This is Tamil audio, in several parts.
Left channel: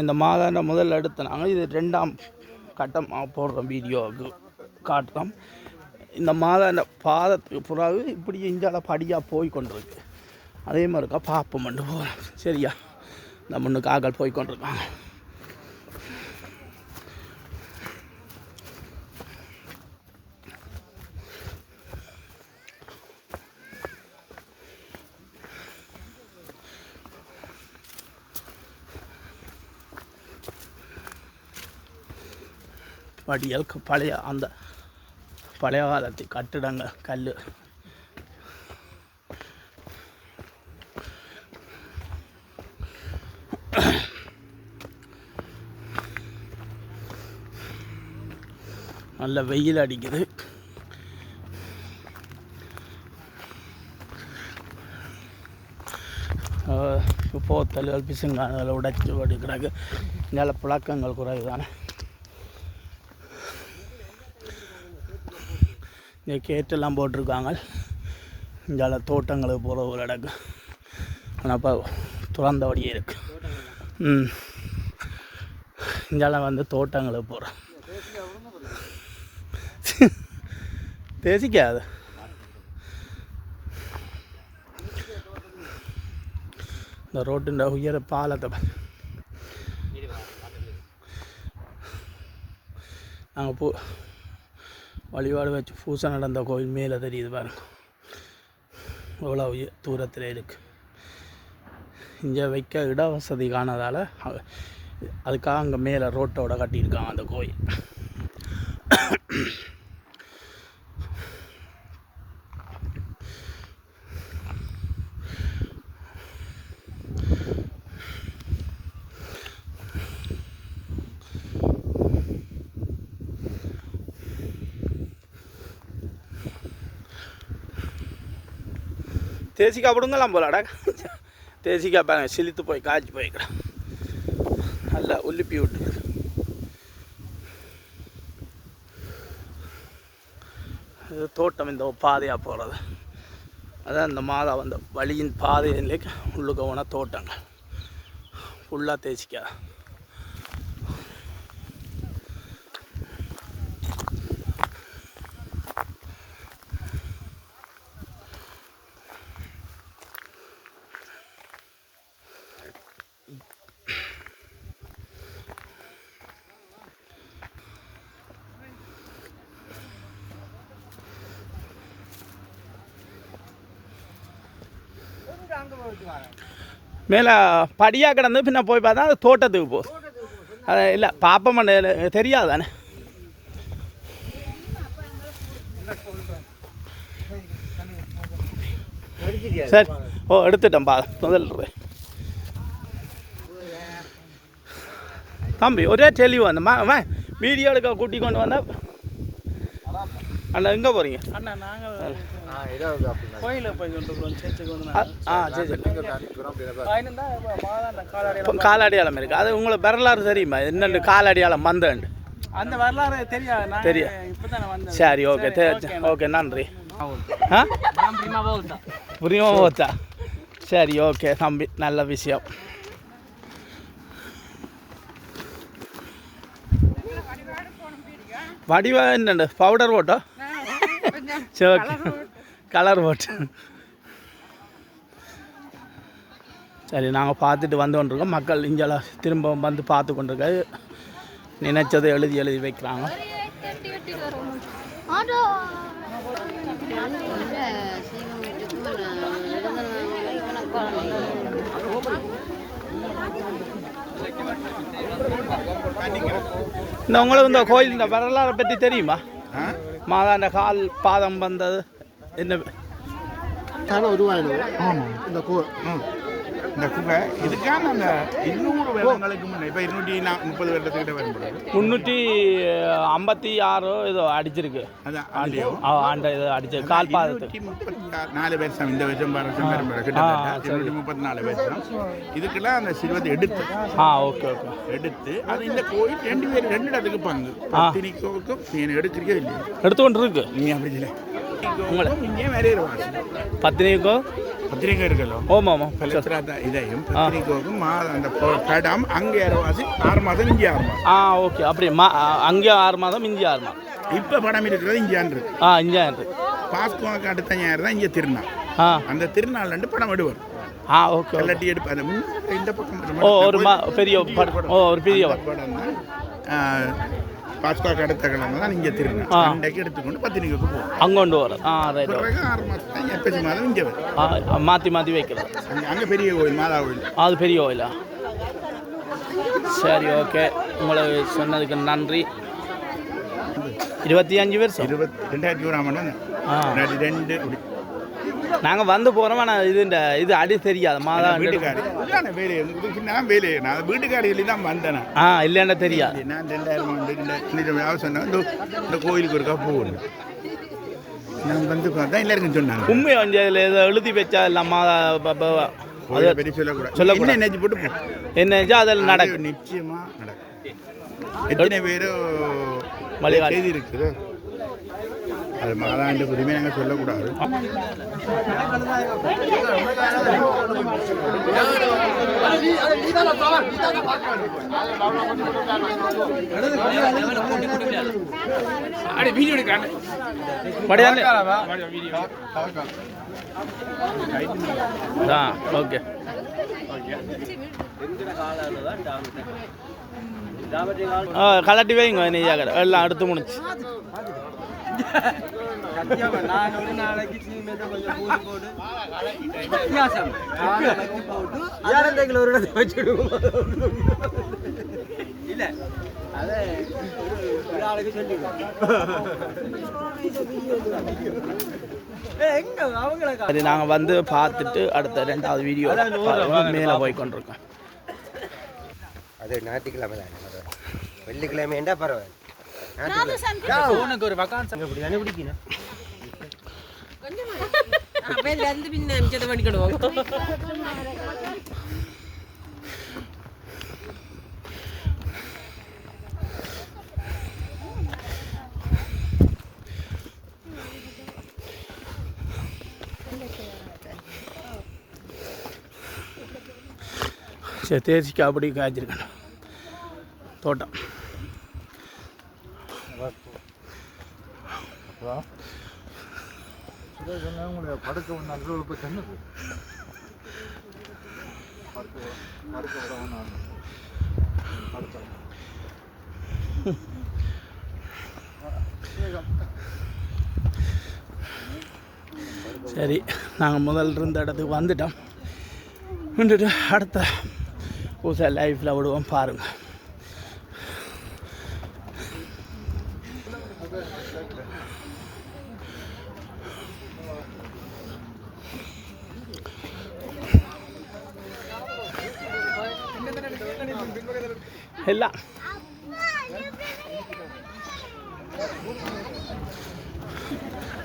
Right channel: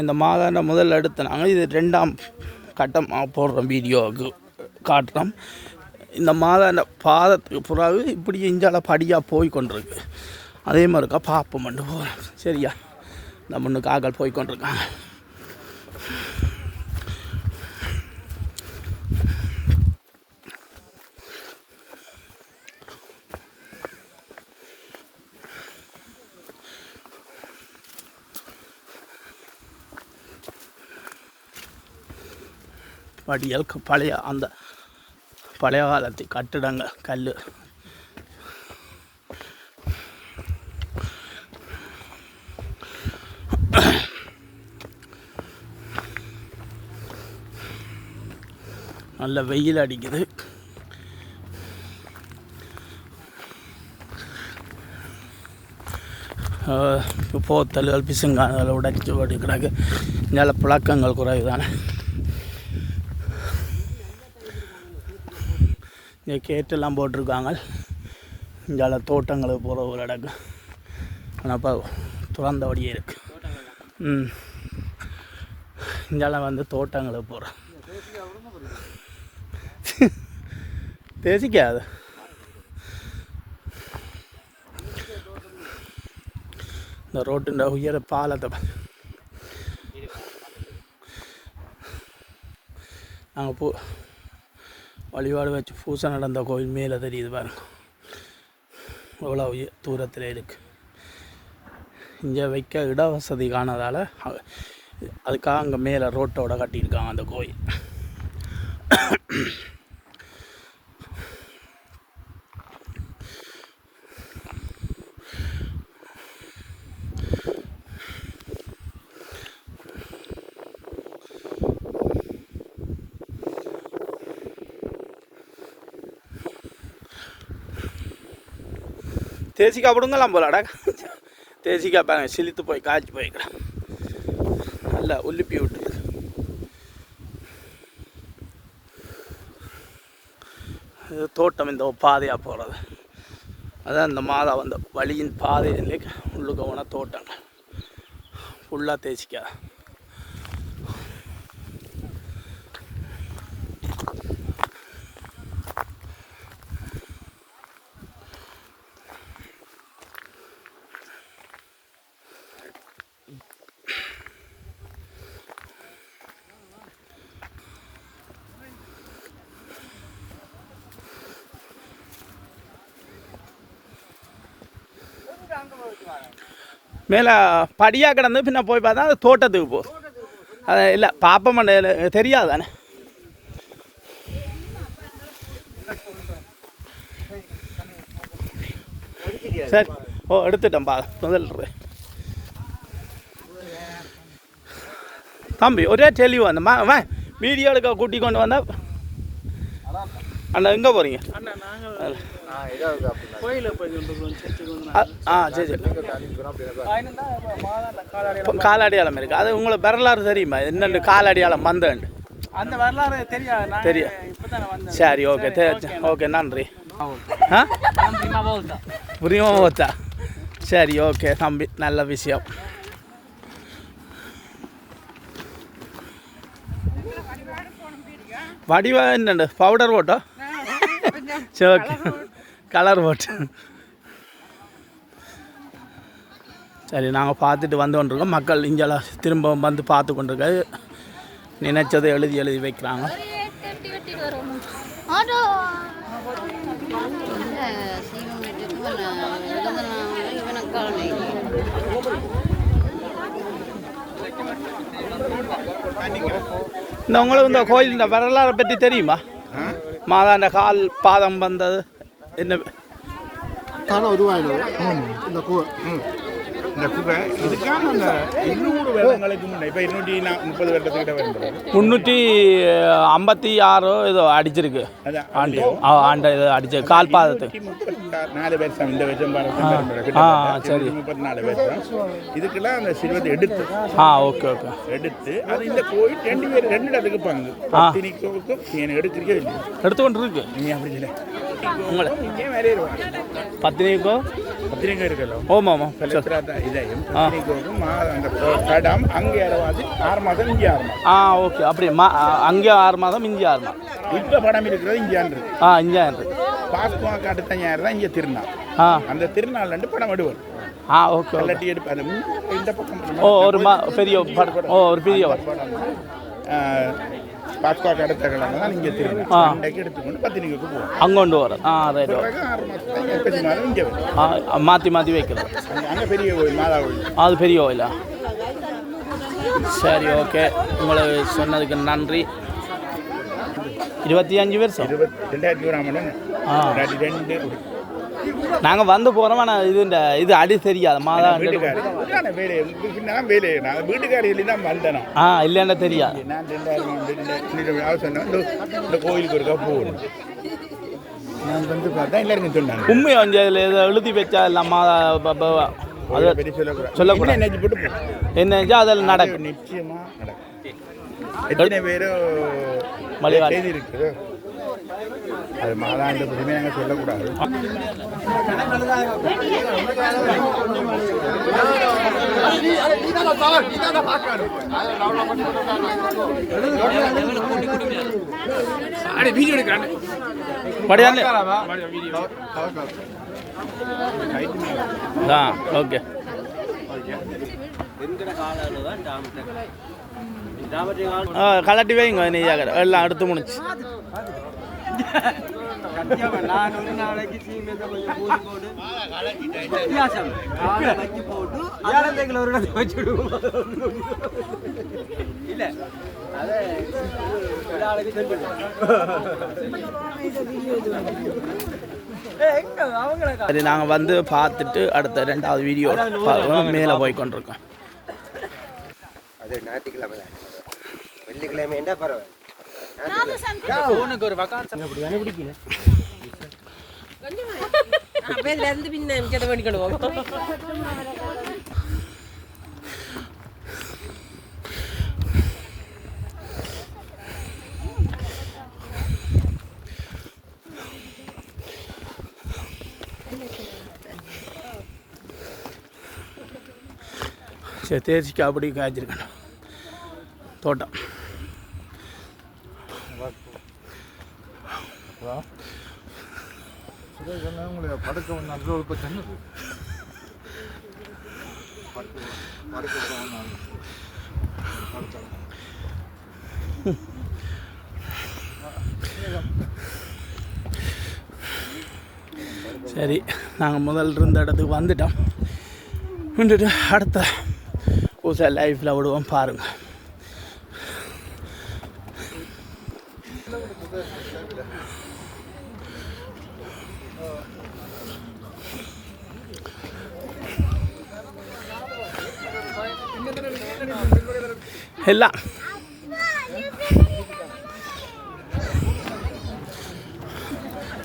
இந்த மாதாண்ட முதல்ல எடுத்த நாங்கள் இது 2ஆம் கட்டம் போடுறோம், வீடியோவுக்கு காட்டுறோம். இந்த மாதாண்ட பாதத்துக்கு பிறகு இப்படி இஞ்சால படியாக போய் கொண்டிருக்கு. அதே மாதிரிக்கா பாப்பம் மட்டும் போகிறோம். சரியா, இந்த முன்னுக்கு ஆக்கள் போய் கொண்டிருக்காங்க. படியல் பழைய அந்த பழைய காலத்து கட்டிடங்கள் கல் நல்ல வெயில் அடிக்குது. போத்தல்கள் பிசுங்கால்களை உடைச்சி ஓடிக்கிறாங்க. இங்கே புழக்கங்கள் குறைவு தானே. இங்கே கேட்டெல்லாம் போட்டிருக்காங்க. இங்கே தோட்டங்களுக்கு போகிற ஒரு இடக்கு ஆனால் இப்போ துறந்தபடியே இருக்குது. இங்கே வந்து தோட்டங்களுக்கு போகிறோம். தேசிக்காது இந்த ரோட்டுன்ற உயர பாலத்தை நாங்கள் வழிபாடு வச்சு பூசை நடந்த கோயில் மேலே தெரியுது பாருங்க, எவ்வளோ தூரத்தில் இருக்குது. இங்கே வைக்க இட வசதி காணதால் அதுக்காக அங்கே மேலே ரோட்டோட கட்டியிருக்காங்க அந்த கோயில். தேசிக்காய் பிடுங்கலாம் போலாடா. தேசிக்காய் பாருங்க, சிலித்து போய் காய்ச்சி போய்க்கிறேன். நல்லா உலுப்பி விட்டு இது தோட்டம். இந்த பாதையாக போகிறது அதான் இந்த மாதா வந்த வழியின் பாதையிலே உள்ளுக்க போன தோட்டங்க ஃபுல்லாக தேசிக்காய். மேலே படியாக கிடந்து பின்ன போய் பார்த்தா அது தோட்டத்துக்கு போ. அது இல்லை பாப்ப மண்ட தெரியாது தானே. சரி, ஓ எடுத்துட்டேன் பா. முதல்ல தம்பி ஒரே தெளிவு அந்த வீடியோ எடுக்க கூட்டி கொண்டு வந்தால் அண்ணா எங்கே போகிறீங்க? சரி சரி, காலடியாளம் இருக்குது. அது உங்களுக்கு வரலாறு தெரியுமா? என்னென்று காலடியாளம் வந்தேன் அந்த வரலாறு தெரியும். சரி, ஓகே ஓகே, நன்றி. புரியுமா போச்சா? சரி, ஓகே தம்பி, நல்ல விஷயம். வடிவா என்னண்டு பவுடர் போட்டோ? சரி, ஓகே, கலர் போட்டு. சரி, நாங்கள் பார்த்துட்டு வந்து கொண்டிருக்கோம். மக்கள் இங்கே திரும்ப வந்து பார்த்து கொண்டிருக்க நினைச்சதை எழுதி வைக்கிறாங்க. இந்த உங்களுக்கு இந்த கோயில் இந்த வரலாறை பற்றி தெரியுமா? மாதாண்ட கால் பாதம் வந்தது என்ன தானே உருவாயிடுது. இந்த குகை இதுக்கான அந்த 200 வருடங்களுக்கு முன்னே, இப்போ 230 வருடத்துக்கிட்ட வரும்போது 356 ஏதோ அடிச்சிருக்கு. ஆண்ட இது அடிச்சு கால் பாதத்துக்கு 34 வருஷம். இந்த வருஷம் 34 வருஷம். இதுக்கெல்லாம் அந்த சிறுவத்தை எடுத்து ஓகே ஓகே எடுத்து அது இந்த கோயில் 2 இடத்துக்கு பங்கு. பத்தினிக்கும் எடுத்துக்கே இல்லை, எடுத்துக்கொண்டு இருக்கு. நீங்கள் அப்படி இல்லை உங்களை இங்கே வேறையிருவாங்க. பத்தினிக்கோ பத்திரிக்கை இருக்கலாம் ஆமாம் ஆமாம் இதையும் பத்திரிக்கைக்கும் அந்த கடம் அங்கே அரவாசி 6 மாதம் இங்கே 6 மாதம் ஓகே அப்படி அங்கே 6 மாதம் இங்கே 6 மாதம் இப்போ படம் இருக்கிறது இங்கேயான் இருக்கு இங்கேயான் இருக்கு பாஸ்குவாக்கு அடுத்த ஞாயிறு தான் இங்கே திருநாள் அந்த திருநாள் படம் விடுவார் ஓகே கல்லட்டி எடுப்பாரு இந்த பக்கம் ஒரு பெரிய படம் ஒரு பெரிய படம் பாஸ்குவாக்கு அடுத்த கிழமை தான் இங்கே திருநாள் அன்றைக்கு எடுத்துக்கொண்டு பத்திரிக்கைக்கு போவோம் அங்கே கொண்டு வர ரைட் 6 மாதம் எப்பசி மாதம் இங்கே வரும் மாற்றி வைக்கிறது அங்கே பெரிய கோயில் மாதா கோயில் அது பெரிய கோயிலா சரி ஓகே உங்களை சொன்னதுக்கு நன்றி 25 வருஷம் 2001 நாங்கள் வந்து போகிறோம் ஆனால் இது அடி தெரியாது மாதா வீட்டுக்காரியில் தான் வந்தேன் இல்லைன்னா தெரியாது நான் 2000 சொன்னேன் இந்த கோயிலுக்கு ஒருக்கா போகணும் நான் வந்து பார்த்தா எல்லாருக்கும் சொன்னாங்க உண்மை வந்து அதில் ஏதோ எழுதி வச்சா இல்லை மாதா அதை பற்றி சொல்லக்கூடாது என்ன போட்டு போ என்ன அதில் நடக்கும் நிச்சயமாக நடக்கும் எத்தனை பேரும் செய்தி இருக்குது அது மாதாண்ட உரிமை நாங்கள் சொல்லக்கூடாது ஓகே கலட்டி வைங்க நெய்யாக எல்லாம் அடுத்து முடிச்சு நான் ஒரு நாளைக்கு சீமெதை கொஞ்சம் கூடி போட்டு வித்தியாசம் போட்டு யாரந்தைகள் ஒரு இடத்தை வச்சுடுவோம் இல்லை அதை ஒரு நாளைக்கு சரி நாங்கள் வந்து பார்த்துட்டு அடுத்த 2வது வீடியோ மேலே போய் கொண்டிருக்கோம் அது ஞாயிற்றுக்கிழமை வெள்ளிக்கிழமை என்ன பரவாயில்ல உனக்கு ஒரு வக்கான்ஸ் அப்படி தானே பிடிக்கணும் அப்ப வந்து பின்ன என்கிட்ட பண்ணிக்கணும் தேசிக்கு அப்படி காய்ச்சிருக்கணும் தோட்டம் படுக்க நல்கோளுக்கு தண்ணி சரி நாங்கள் முதல்ல இருந்த இடத்துக்கு வந்துட்டோம் அடுத்த புதுசாக லைஃப்பில் விடுவோம் பாருங்கள் எல்லாம்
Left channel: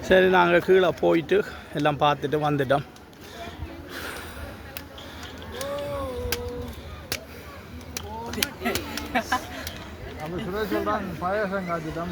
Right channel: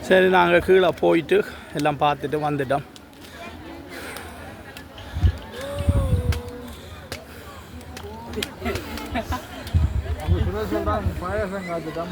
சரி நாங்கள் கீழே போயிட்டு எல்லாம் பார்த்துட்டு வந்துட்டோம் பாயசம் காத்துட்டோம்